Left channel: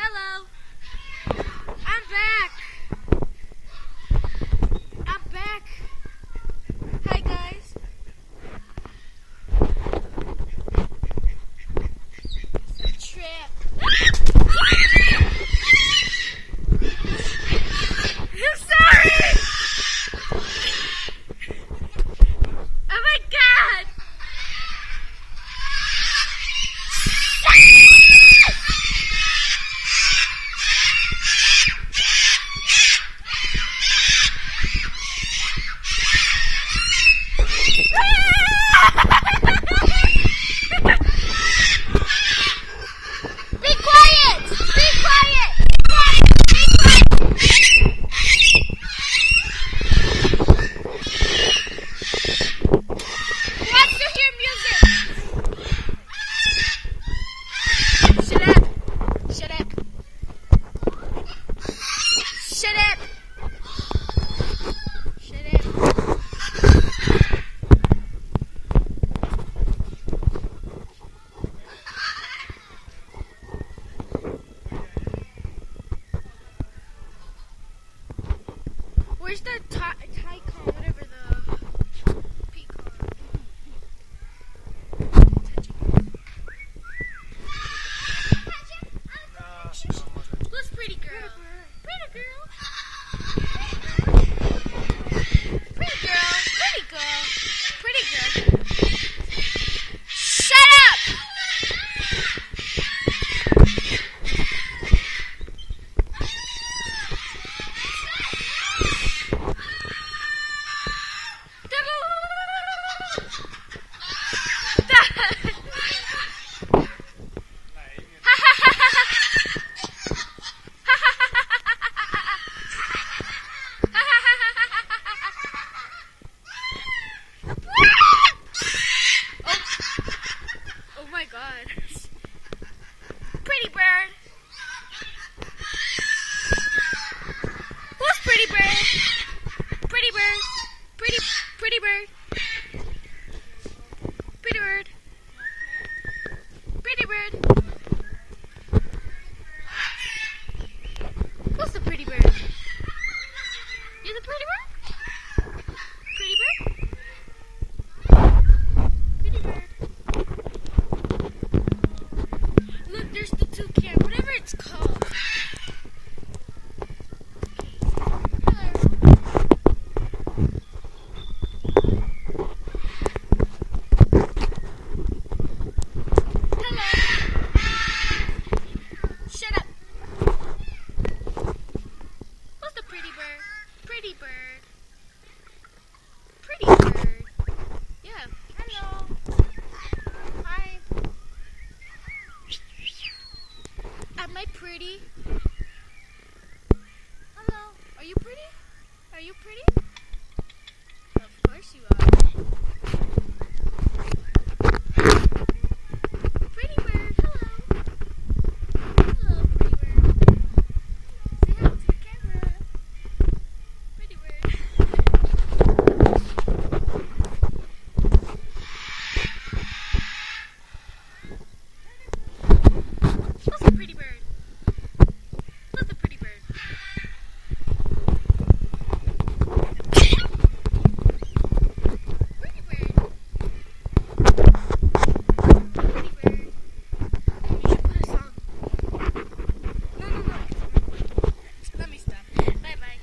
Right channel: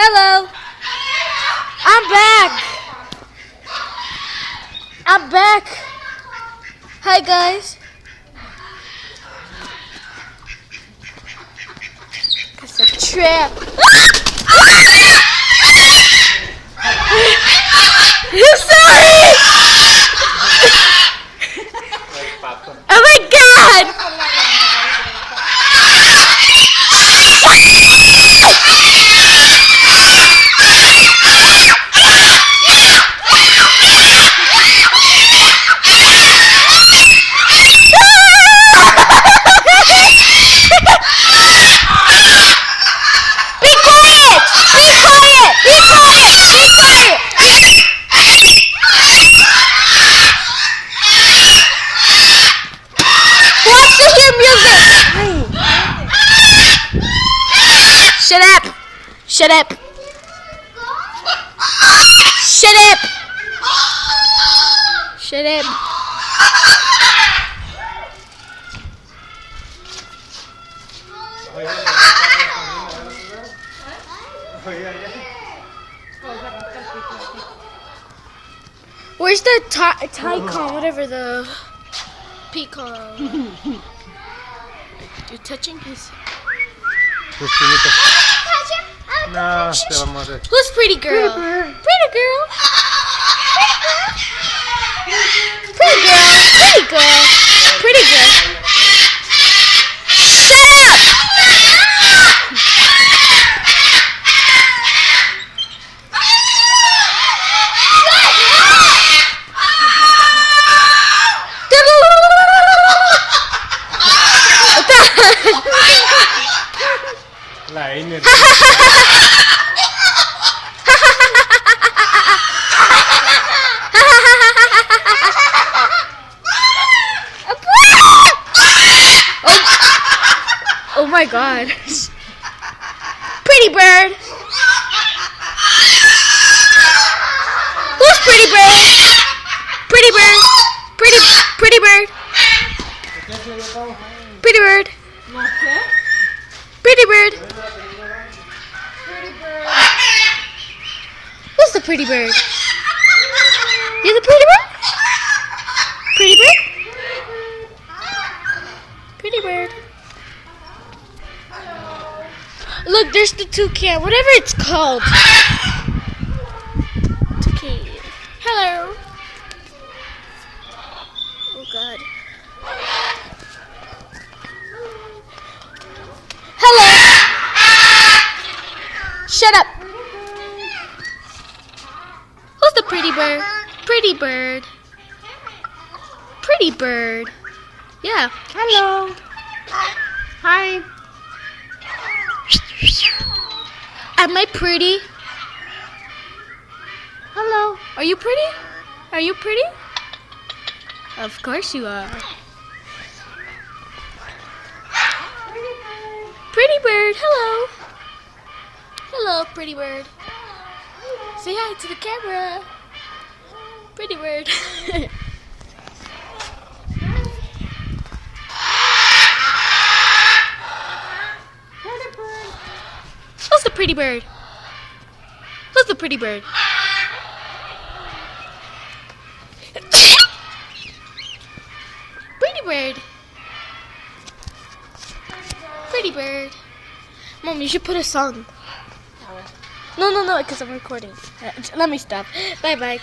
Hello. I'm back. I'm back. Hi guys. It's a trap. I'm sorry. Oh my God. Shut up! Shut up! Shut up! Shut up! Where's the Tycon, whatever the peacock? You touching his? No, te vamos a hacer. Who's pretty girl? Pretty girl. Pretty girl. Pretty girl. Pretty girl. Shut up! La Einer. Oh my God. Pretty bird. Who's pretty bird? Pretty bird. Pretty bird. Pretty bird. Pretty bird. Who's the pretty bird? You're the pretty bird? Pretty bird? Pretty bird. Look, there's the toucan, whatever it's called. Toucan. Hello. Oh God. Hello. Shut up. Who's the pretty bird? Pretty bird. Pretty bird. Yeah. Hello. Hi. Am I pretty? Hello. Are you pretty? Are you pretty? Of course you are. Pretty bird, hello. Hello, pretty bird. Say hi to the camera. Pretty bird. Who's the pretty bird? Who's the pretty bird? Pretty bird. Pretty bird. Mom, you should put a song. No, because I'm recording. Let me stop. Bye-bye.